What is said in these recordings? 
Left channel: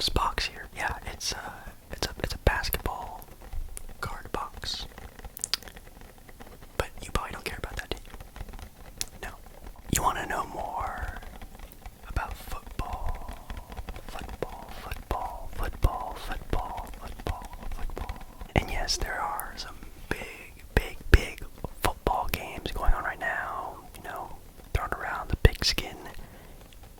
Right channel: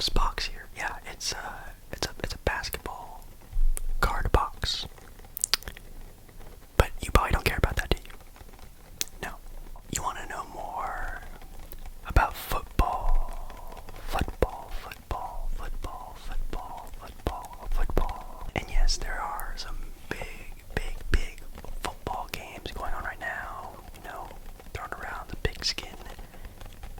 this box here. Yeah, it's a basketball card box. But you probably don't care about that, do you? No. You want to know more about football, football, football, football, football, football, football. And yes, there are some big football games going on right now. You know, throwing around the pigskin,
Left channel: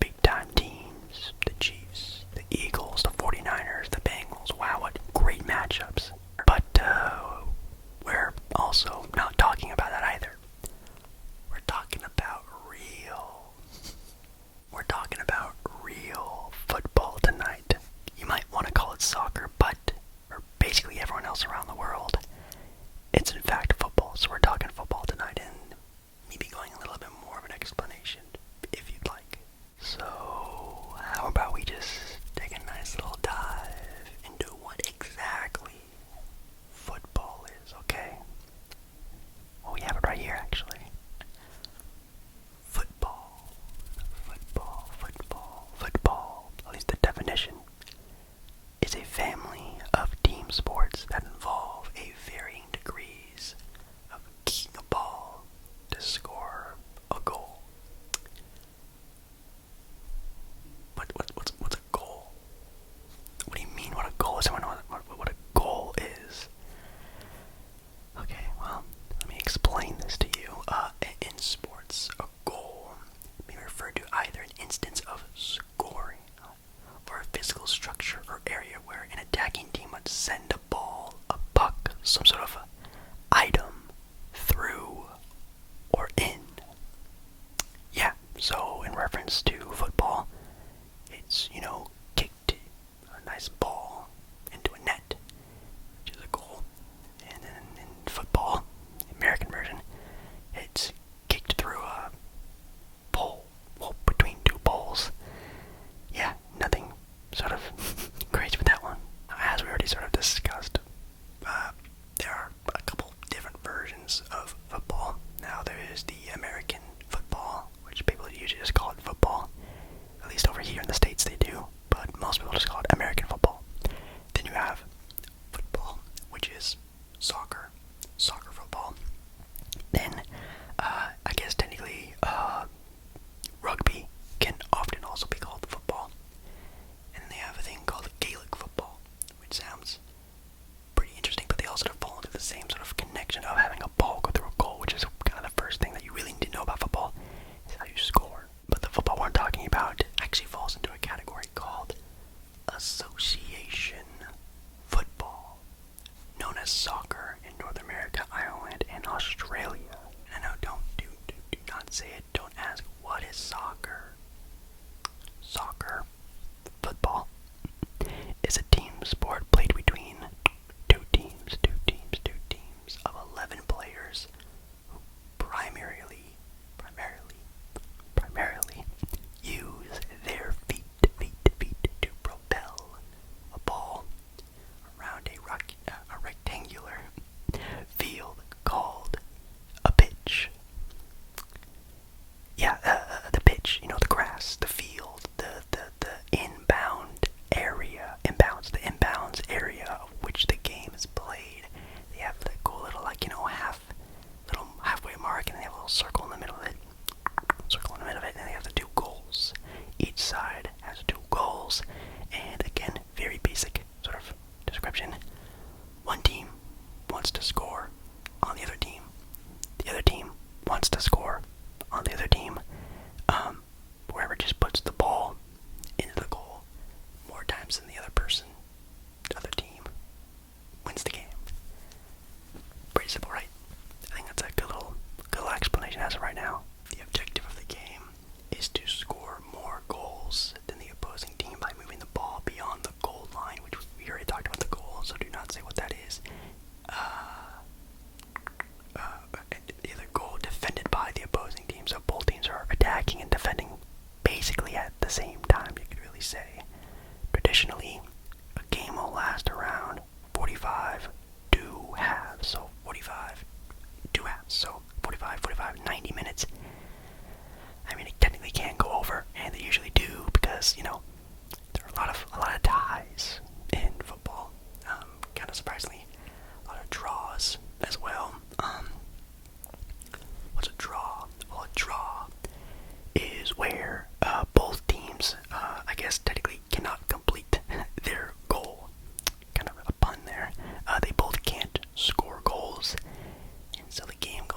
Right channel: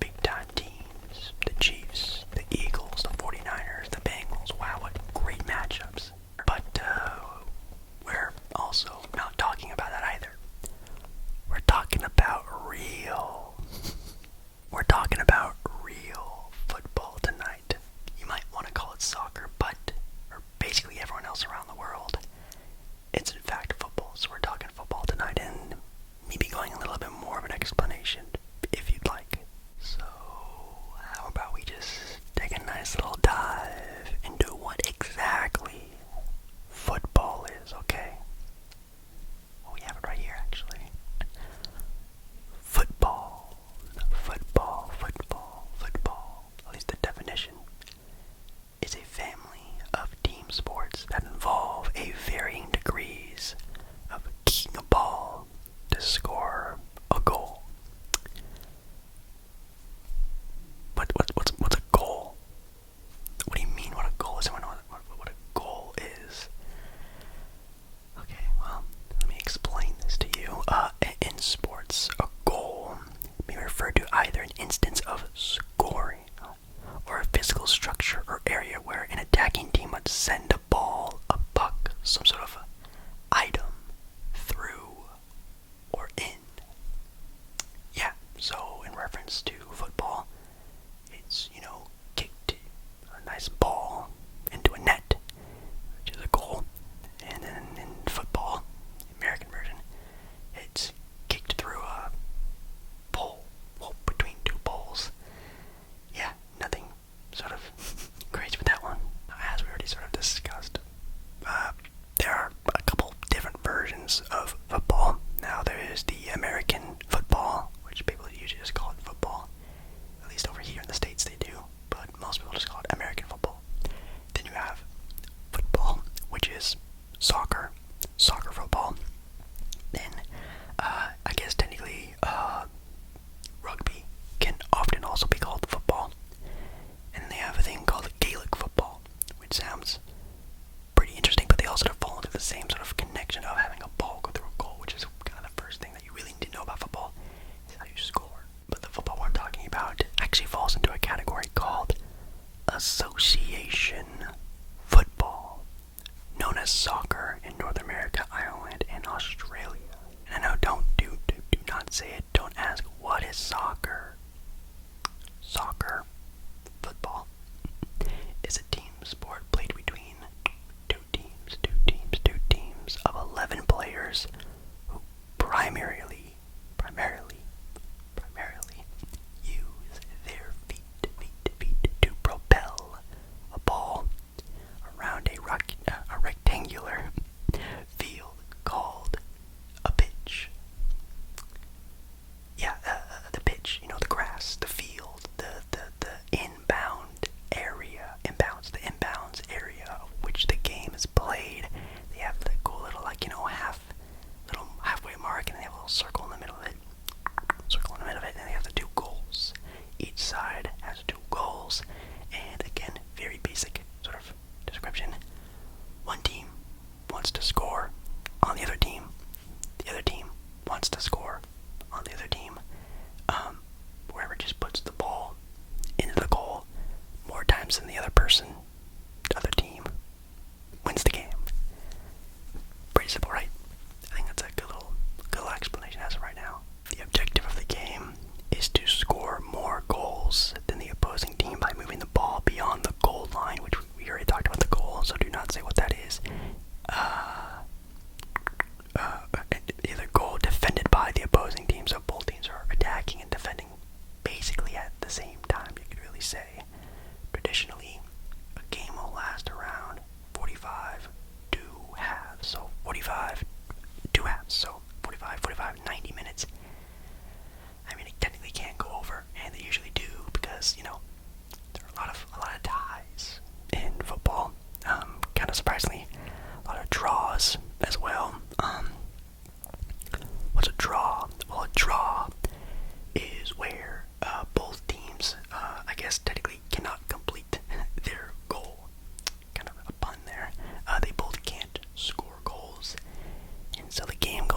big time teams, the Chiefs, the Eagles, the 49ers, the Bengals. Wow, what great matchups. But we're also not talking about that either. We're talking about real football tonight. You might want to call it soccer, but for basically everyone else around the world, it's in fact football. So we're talking football tonight, and maybe going a little bit more of an explanation if you'd like. So how about we just take a nice little dive into what exactly football is, okay? Well, we have it right here, actually. Football, at least the definition, is a family of team sports that involve a varying degrees of kicking a ball to score a goal. What's a goal? What do you mean what a goal is? Someone know what a goal is? Okay, well, let me explain this to you. In sports, a goal may refer to either an instance of scoring or a physical structure or area where an attacking team must send a ball, a puck, some sort of item through or in. Yeah, so in reference to football, it's, kicked a nice ball into a net, which is a goal. And then in football, the American version, it's kicked through a pole, well, between two poles. Yeah, nothing sort of crazy with that one. As we already sort of discussed, there are a couple different versions of football. Now there is the American football, which people usually just call it football. At least over here in the States they do, but most people just call it American football. Then you have football, which is soccer football. Then, I guess technically, rugby can often also be called football. And they have a thing called Gaelic football, which sounds pretty interesting, but they also fall into the same sort of connection of having a ball go through a goal, which is kind of the first thing that you really need to know about football, is how you score. But the football we're talking about actually falls into a category called a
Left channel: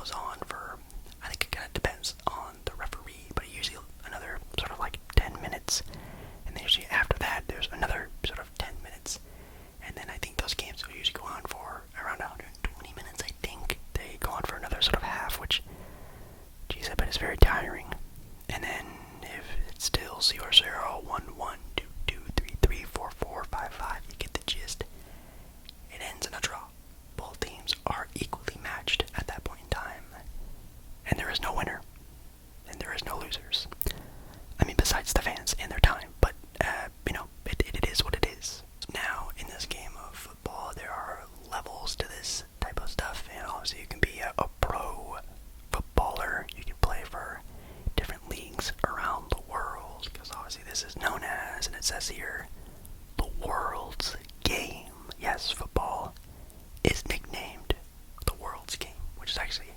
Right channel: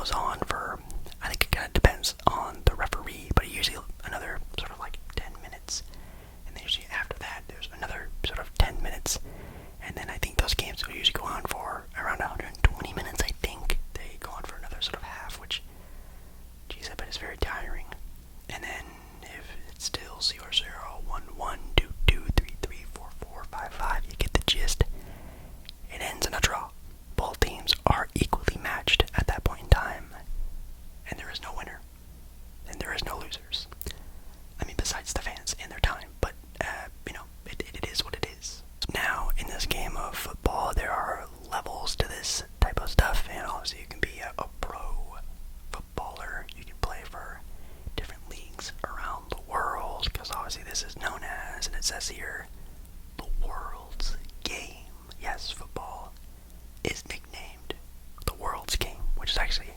goes on for, I think it kind of depends on the referee, but usually another sort of like 10 minutes. And then usually after that, there's another sort of 10 minutes. And then I think those games will usually go on for around 120 minutes, I think. They go on for another sort of half, which, geez, I bet is very tiring. And then if it's still 0-0, 1-1, 2-2, 3-3, 4-4, 5-5, you get the gist. It ends in a draw. Both teams are equally matched at that point in time. And there is no winner. And there is no losers. I mean, besides the fans and their time. But, it is what it is. Now, in this game of football, there are levels to this type of stuff. And obviously, you can be a pro footballer. You can play for different leagues around the world. Because obviously, this is known as, and it says here, the world's game. Yes, football is nicknamed the world's game, which is actually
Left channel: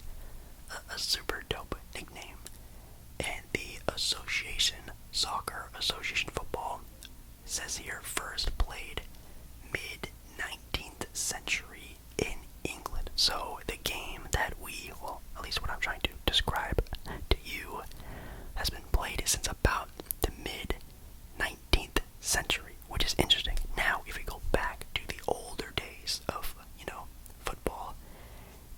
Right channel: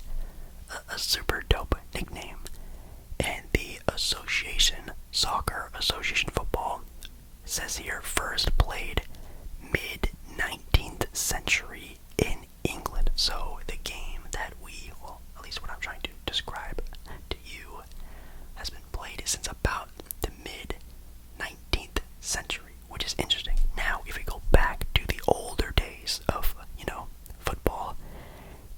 a super dope nickname. And the Soccer Association Football says here first played mid-19th century in England. So the game that well, at least what I'm trying to describe to you, has been played since about the mid-19th century, which is interesting. Now, if we go back to the older days of, football,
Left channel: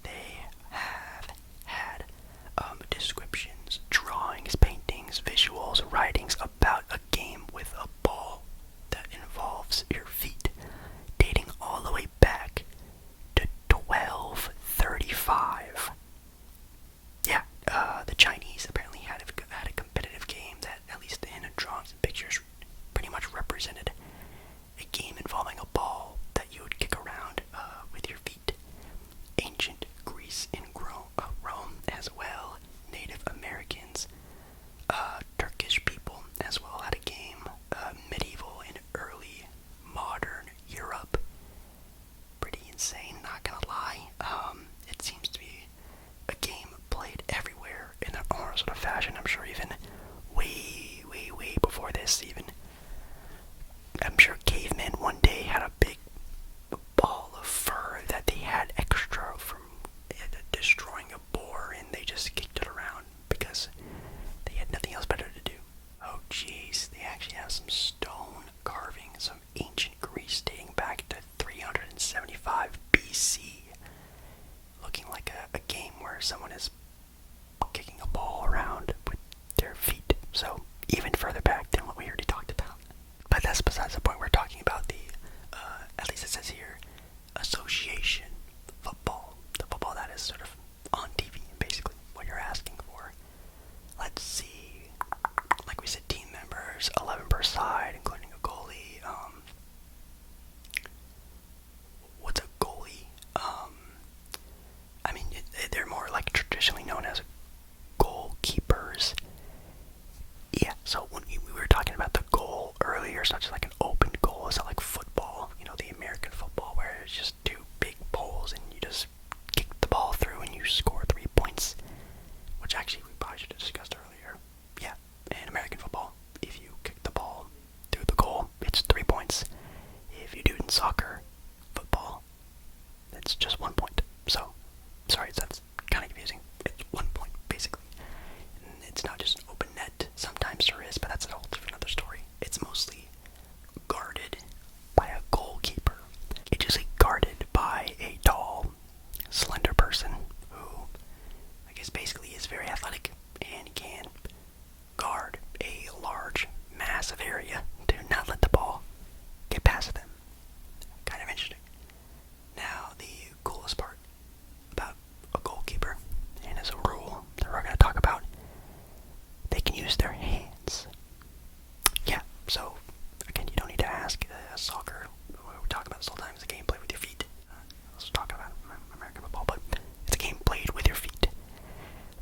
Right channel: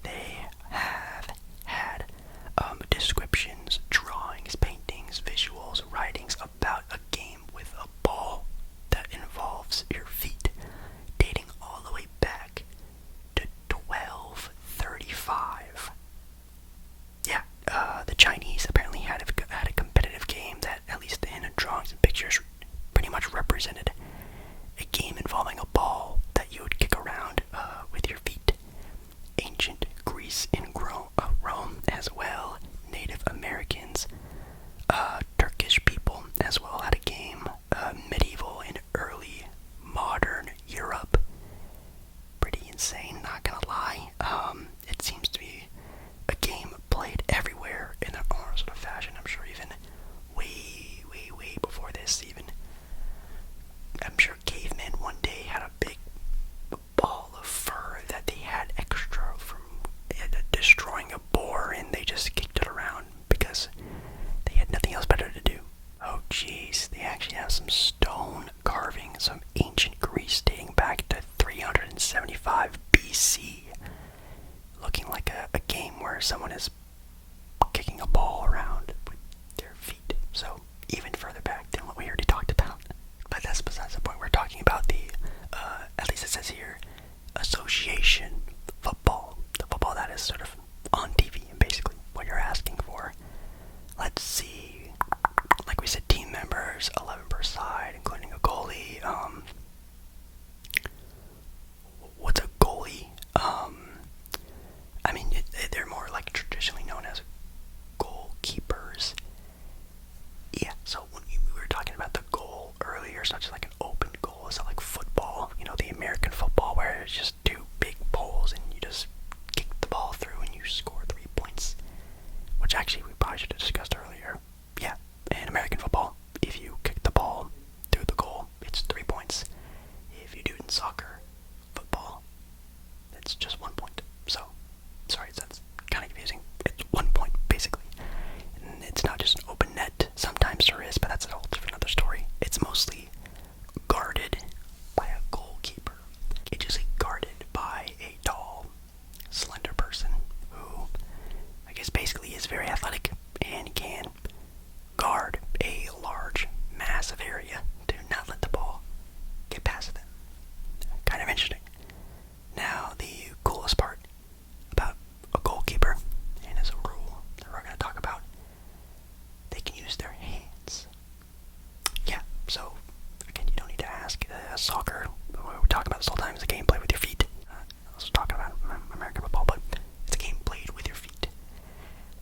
they have had descriptions, drawings, paintings, visuals, writings about a game with a ball that involves your feet, dating all the way back to 1235. Yeah, the Chinese apparently had a competitive game that, at least in drawings and pictures, pretty much represented a game involving a ball that you would kick around with your feet. Ancient Greece and Rome as well, Native Americans, Turkish people as well had a game, medieval and early modern Europe. Pretty insane, not gonna lie. It seems to be a game played everywhere in their own sort of fashion. I'm sure even way before this, I'm sure cavemen one day had a big ball of fur that they had extra from destroying a boar, and they just kicked it around because they had nothing else better to do. Oh jeez, they actually have some stone carving, some ancient Greece dating back to 375 BC, looking like a game where someone is kicking a ball around with their feet. So even further back than what we already talked about. But that's besides the point. We're talking about the, at least it says here, association football. The football that is sort of on TV and basically what you're asking for. Let's see. Like we said, team members, 11 per side, including a goalie. What's a goalie? I mean, they're more like traditionally known as goalkeepers. Yeah, so when we were talking about the goal earlier, it's not just like an open goal. It's not like football, the American football where it's just two big poles and you just kick the ball through and you score 3 points, which actually we probably should have discussed earlier. Yeah, in American football, if you kick the ball through the goal, it's 3 points. If you do it in soccer, football, it's just 1 point. So, sorry, that's kind of confusing. It's 1 point, basically. And it's not just an open net. Sometimes there is, but that's a whole different other story. It's mostly guarded by a goalkeeper. It's usually guarded by a tall, slender person who, I guess, basically is very athletic and can guard a large, massive area to not let the ball get past them. Kind of interesting. Now, the coolest part about a goalkeeper, and as a rule that we're going to talk about, they can use their hands. Yeah, so, again, you don't need to ask. Soccer, we're talking about this all the time, is a game played with your feet. Let's talk about American football, but it's a game played with your feet.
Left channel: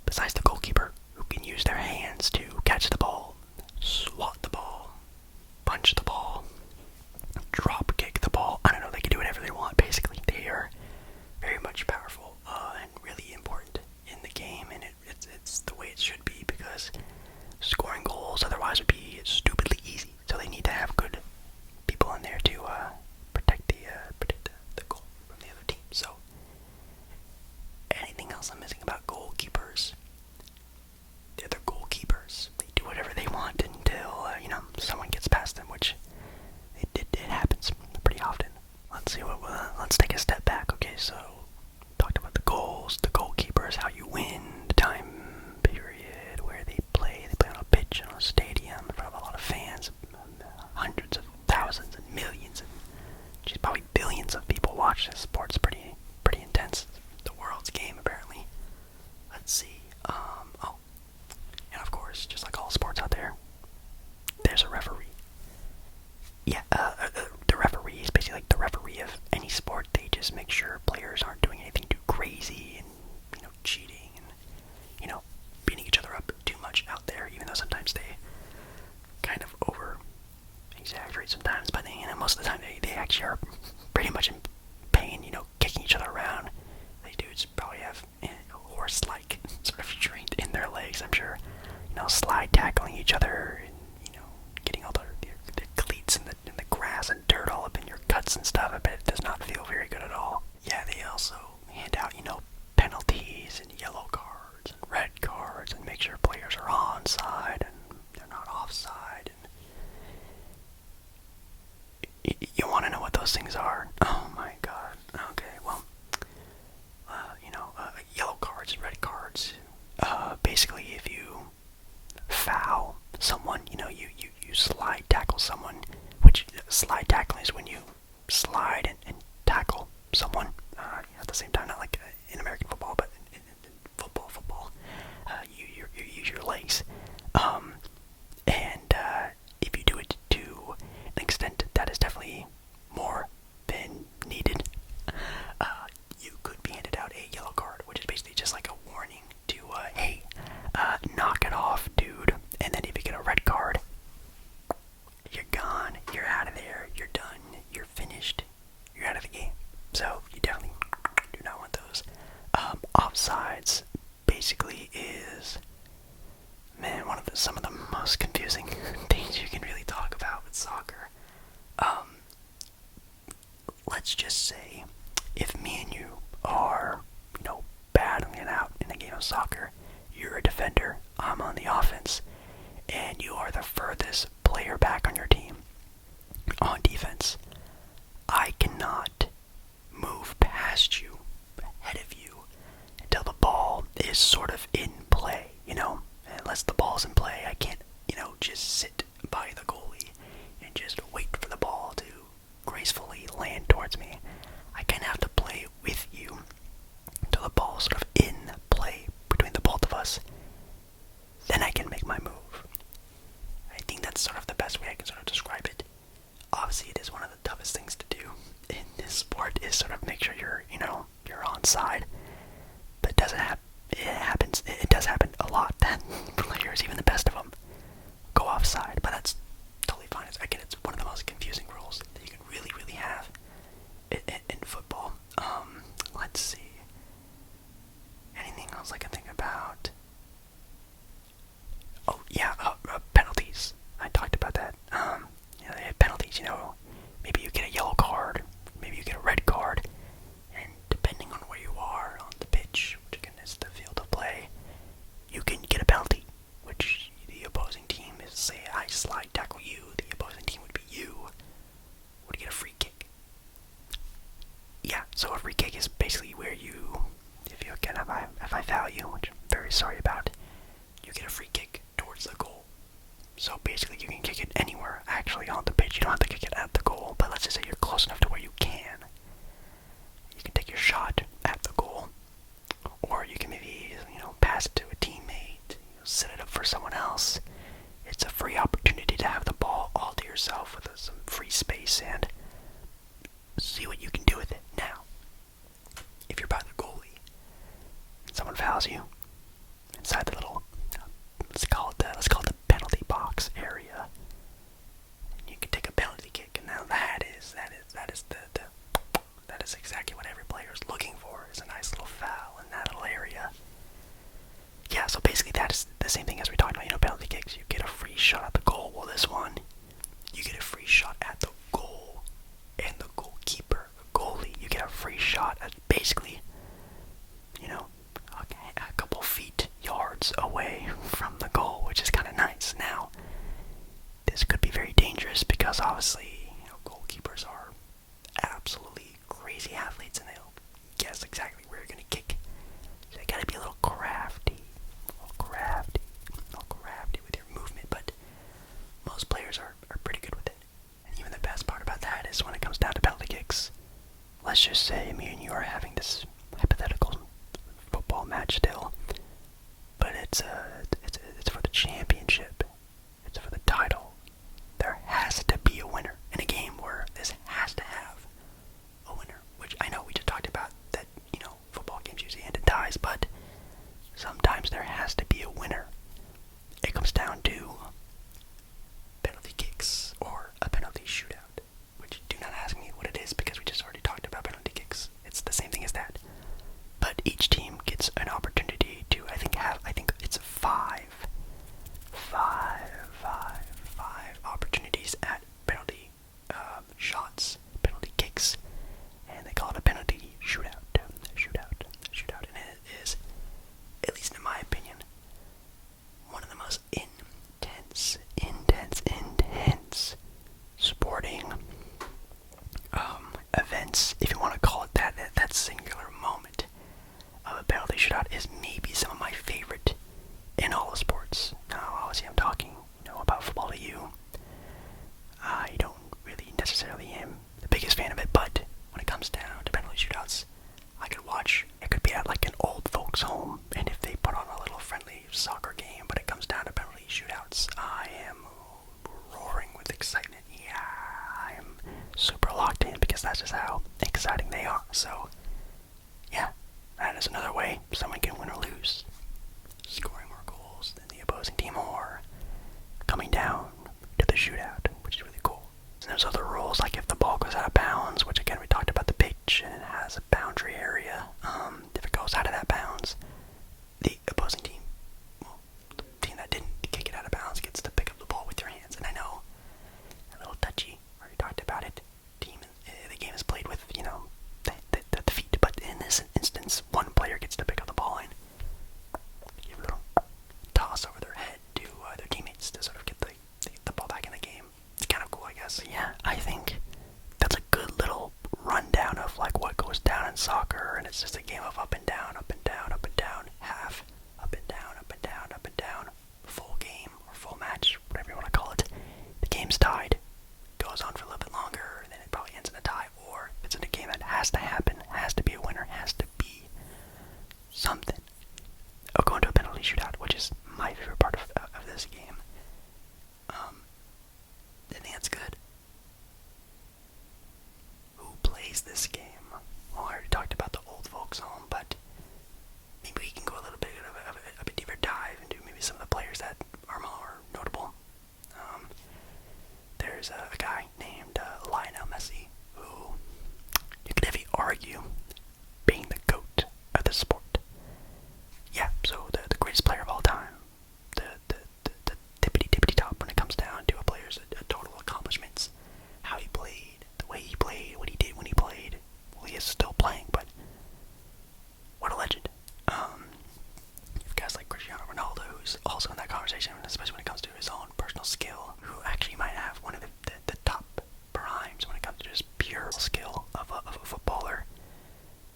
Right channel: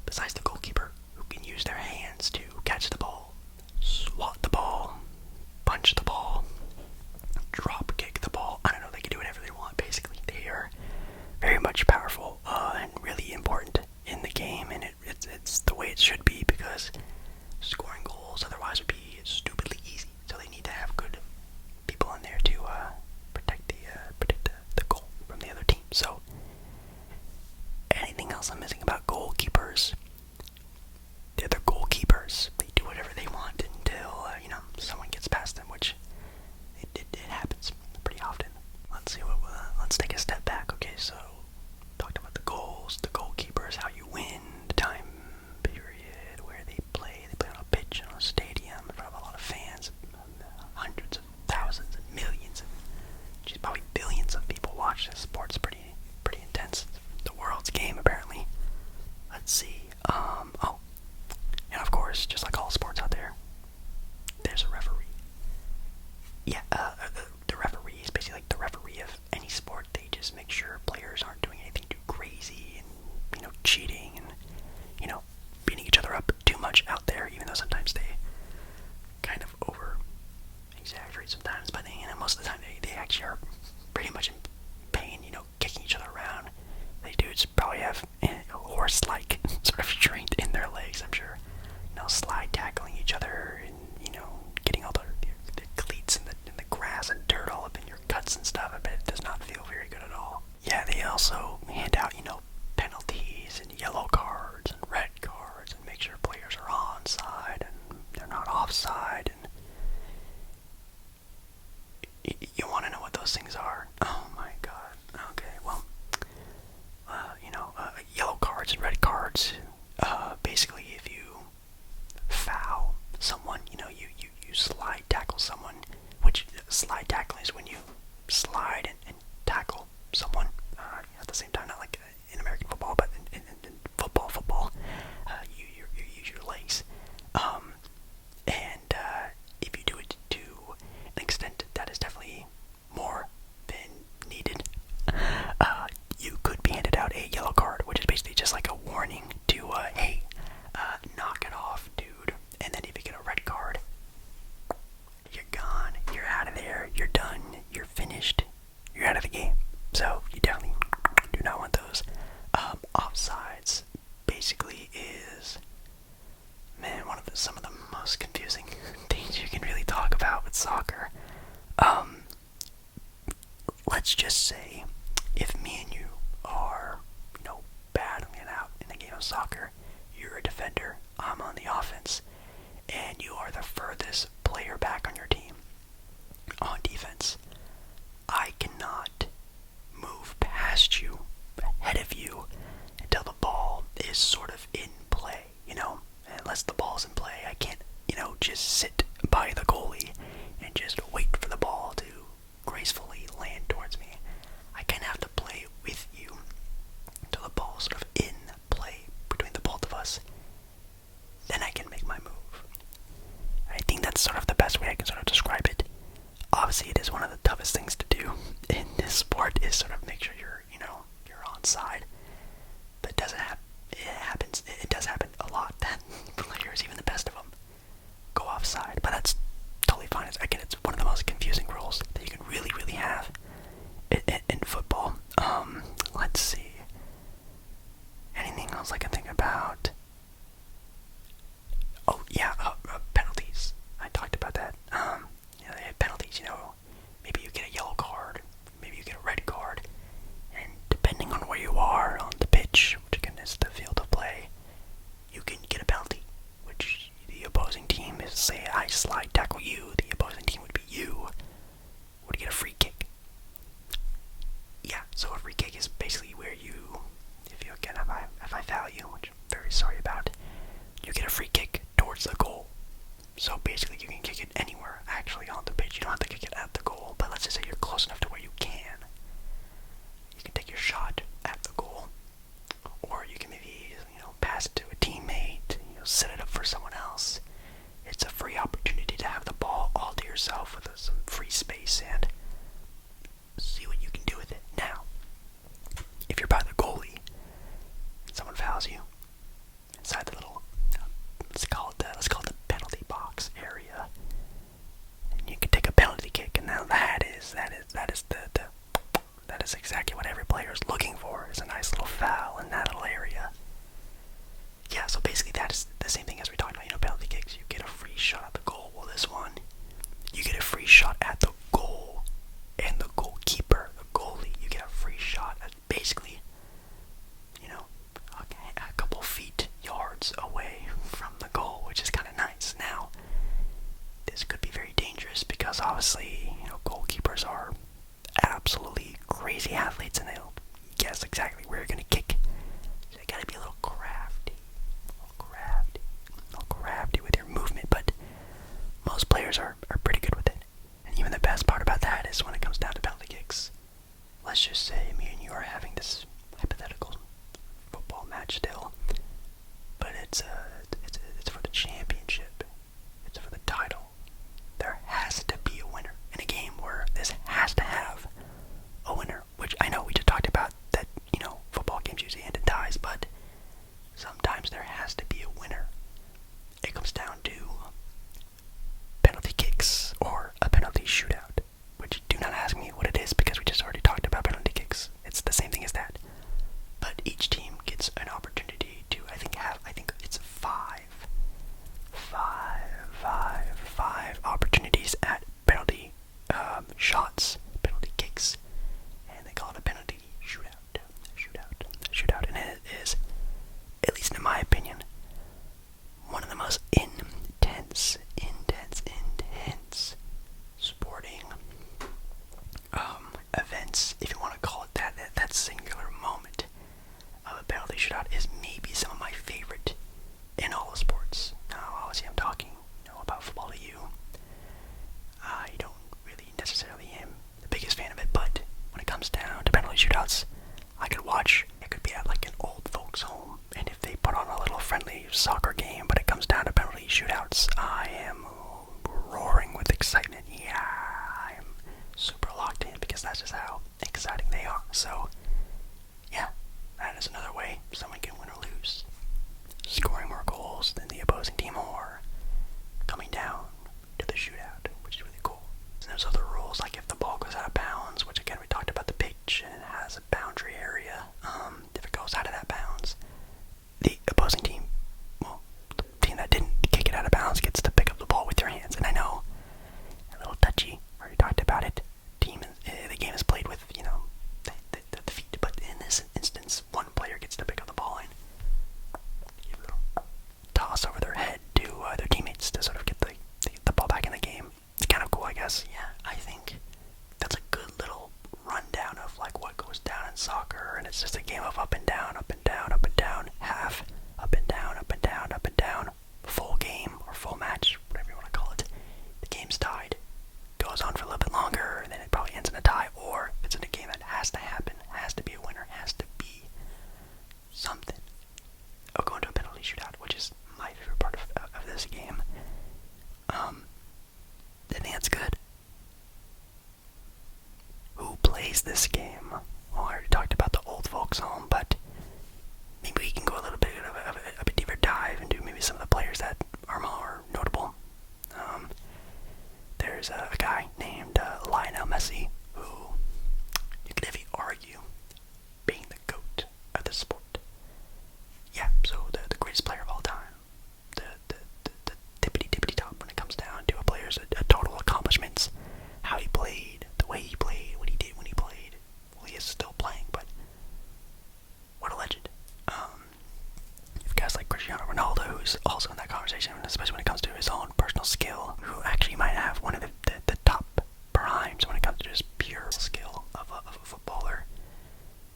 Besides the goalkeeper, Oh, and of course, just like all sports out there, there's a referee. Yeah, the referee is basically like the referee of any sport. They just make sure players aren't doing anything too crazy and, cheating and, beating each other up too much out there, even though sometimes they kind of over exaggerate sometimes, but most of the time they actually are pretty much in pain, kicking each other around. These dudes probably have horse-like sort of strength in their legs, I'm sure. Slide tackling each other and, getting all the cleats in the grass and dirt all up in your guts and stuff. I bet it does not feel very good at all. Yeah, they also hand out, penalties and yellow cards and red cards and make sure players are onside and they're not offside. And you want to know what those things are? Oh my god. Okay, well, yellow cards and red cards. Basically, if you foul someone, you slide tackle someone, which slide tackling is when you slide and tackle someone at the same time, not like in American football, but in football, you use your legs. And if you do it to an extent that is definitely more than needed, you could be handed out a yellow card, which is basically just like a warning to, hey, knock it off, dude. And then if you get a red card, you're gone, you're out of there, you're done, you're finished, you're out of the game. So you definitely do not want those. Offsides basically is, man, some of the most confusing things you can really talk about with soccer. Let's just say if me and you are, battling it out in a game of soccer, you're a defender, I'm on the offense, and you are the furthest player back on your team on defense. I cannot move past you, ahead of you, until the ball is sort of in play, Unless the ball's in play, I can't, just sit by the goalie and just wait for the ball to gracefully land towards me. I kind of have to play with you until the ball's sort of in play between the both of us. Then I can make my move. I think that's sort of the best way I can sort of describe it. Obviously, it is one of the toughest things to do in this sport, is sort of make sure you're onside. But it happens there has to be a winner. It comes down to penalty kicks or a penalty shootout, which do not ask me what it is because we just already talked about penalty kicks. It's the same thing as that. But each team gets an opportunity to, I think it's five opportunities at penalty shots, penalty kicks, and they call it a penalty shootout, and it is, at least in my opinion, one of the most intense sporting events, if you want to call it that. That singular moment of a penalty shootout is maybe some of my favorite in all of sports. Now, obviously, I'm talking, about football to you. I don't really necessarily am the biggest fan of it, but when it comes down to penalty shootouts, I could watch. It could be at like an old folks' home, and if they put on a little friendly soccer game, but it comes down to penalty shootouts, I am roaring with excitement. Yeah, I'm super locked in because that's just how exciting they are. So, yeah, that is another way someone can win or lose. Scoring more goals than the opposing team or coming down to the shootout, which is really cool. And there's other rules, like if the ball goes out of bounds, which again we talked about the pitch and it has a boundary area. If it goes out of that bounds, the opposing team, well, the team that didn't kick it out of bounds gets to pick up the ball with their hands. And I know, a little touchy, already talked about it. The game is played with, the feet, but in this instance, one player gets to pick up the ball and give a little toss over their head to their teammates to sort of get the ball back in the game. It's kind of cool, I guess. Yeah, I think that's a good little rundown of like what goes down in soccer, and it's just a game of up and down, half, up and down, full game or full match, whatever you want to call it. The game's tied, goes on for a little bit longer, and then it probably ends in a tie, or if it's in a game that has to happen, has to be a winner, has to be something. I'll go into a penalty shootout, which is my favorite part of this game. I think that's good. Who plays this game? Well, I already talked about the old folks home, but maybe we can go a little bit of a deeper dive into maybe some of the players that are more notable. There's a guy named Lionel Messi, who you could definitely argue being the GOAT of the sport. Yeah, so the greatest player of all time. The tippity top when it comes down to a player's total accomplishments. How he played, the way he played, what he did when he played. Well, he is still playing, but what a legend. You've guys like Cristiano Ronaldo, who's also in that conversation, especially when it comes to his own personal skill, who actually might have one of the top primes when it comes to just pure skill of a footballer.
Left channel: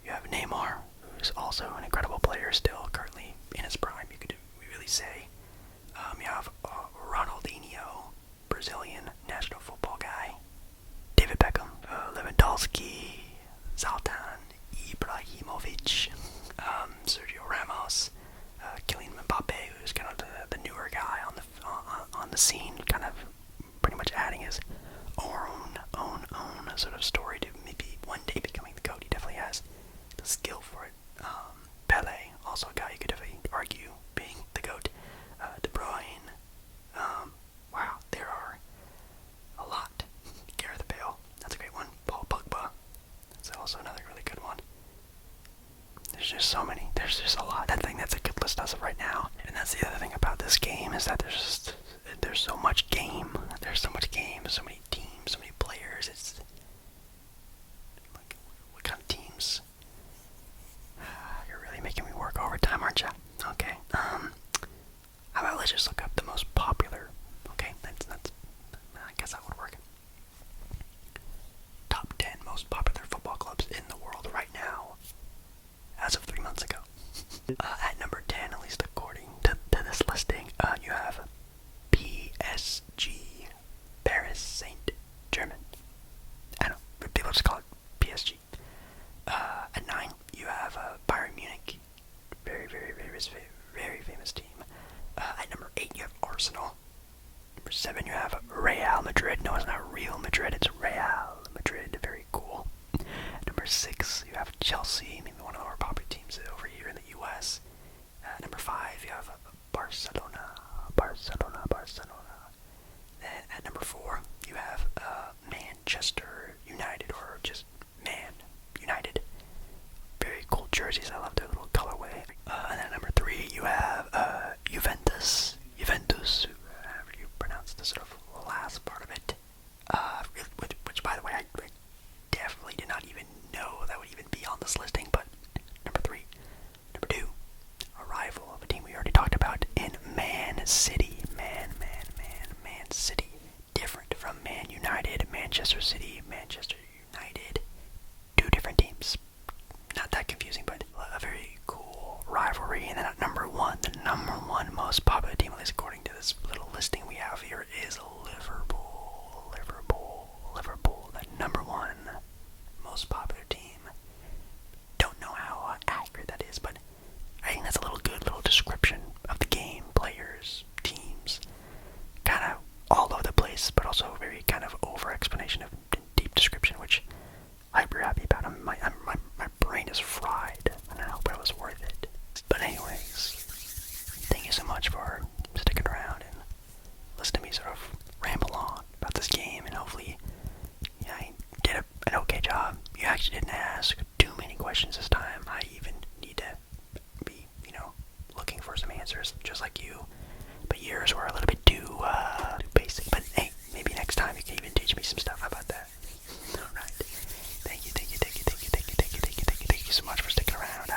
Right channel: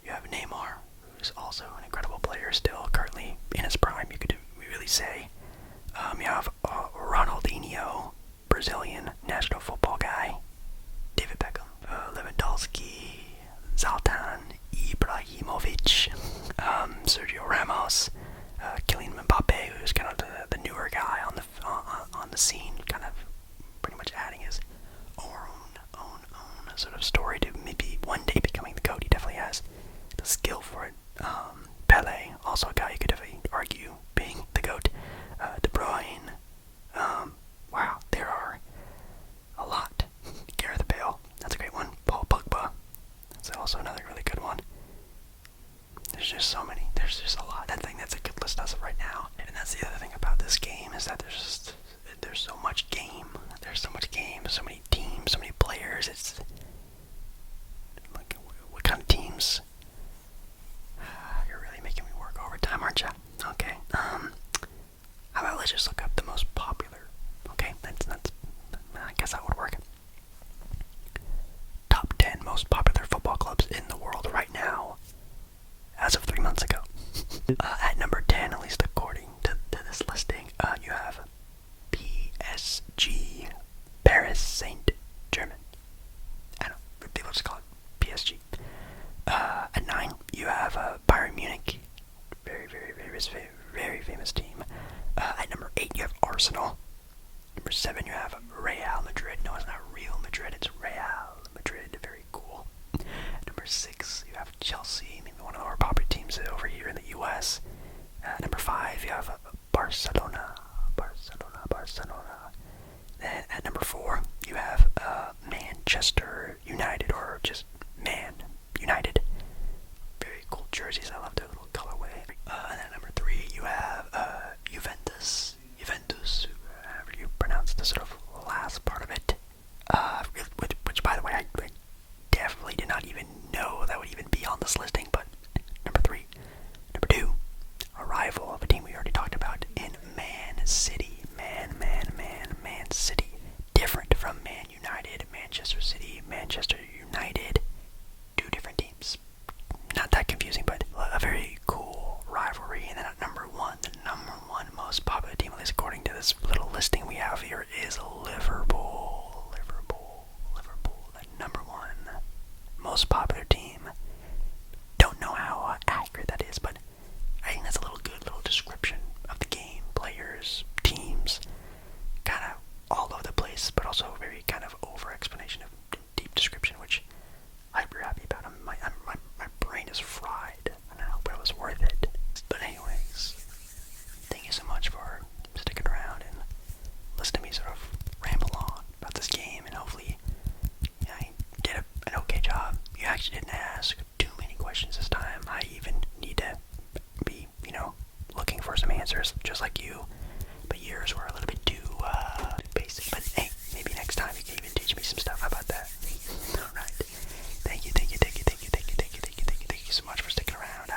You have Neymar, who's also an incredible player, still currently in his prime, you could really say. You have Ronaldinho, Brazilian national football guy, David Beckham, Lewandowski, Zlatan Ibrahimovic, Sergio Ramos, Kylian Mbappe, who's kind of the newer guy on the scene, kind of pretty much adding his own sort of story to maybe one day becoming the GOAT. He definitely has the skill for it. Pele, also a guy you could definitely argue being the GOAT. De Bruyne. Wow, there are a lot. Gareth Bale, that's a great one. Paul Pogba, that's also another really good one. There's just so many. There's just a lot. That's a good list as of right now. And that's the other thing about this game is that there's so much game. There's so much game. So many teams. So many players. It's like, what kind of teams? You're really making me work overtime, aren't you? Okay. How about let's just look up the most popular. Okay, that's I guess that would work. Top 10 most popular football clubs in the world right now, as of 3 months ago. At number 10, at least according to this listing, you have PSG, Paris Saint-Germain. I don't know, people just call it PSG. At 9, you have Bayern Munich, very famous team. At number 8, you have Arsenal. Number 7, you have Real Madrid. No, it's not Real Madrid, it's Real Madrid. Very cool. Number 6, you have Chelsea, maybe one of the more popular teams over here in the U.S. Number 5, you have Barcelona, Barcelona, Barcelona. Then at number 4, you have Manchester United, or just Man United. Very cool jerseys. I love their little colorway. And then at number 3, you have Juventus. Juventus, however you pronounce the sort of last part of it. Which, by the way, I definitely did not even know that would even be on this listing. But number 3, number 2, a rival of a team we already talked about in Man City. Man City. Different from Man United, Manchester City, Manchester United. 2 different teams. Not that confusing, but a very cool rivalry. And then at number 1, the number 1 most popular team, at least according to this little listing we have here, is Liverpool. Liverpool, the number 1 most popular team. Don't know how accurate that is, but I think that's a little description of the game, players, teams, kind of all over the place, but also very kind of over explanation of deep description, which I'm hyper happy about. My brain is fried, and I hope it was worth it. But anyways, thank you so much for sticking around and listening to me sort of ramble on about this game, and hopefully I did an okay job. You actually didn't ask too many questions this time. I even need to be, looking for some answers, just like you. But yours were a little bit too basic. But hey, maybe next time you can even teach me some stuff. How about that? Alright. Thank you so much for sticking around.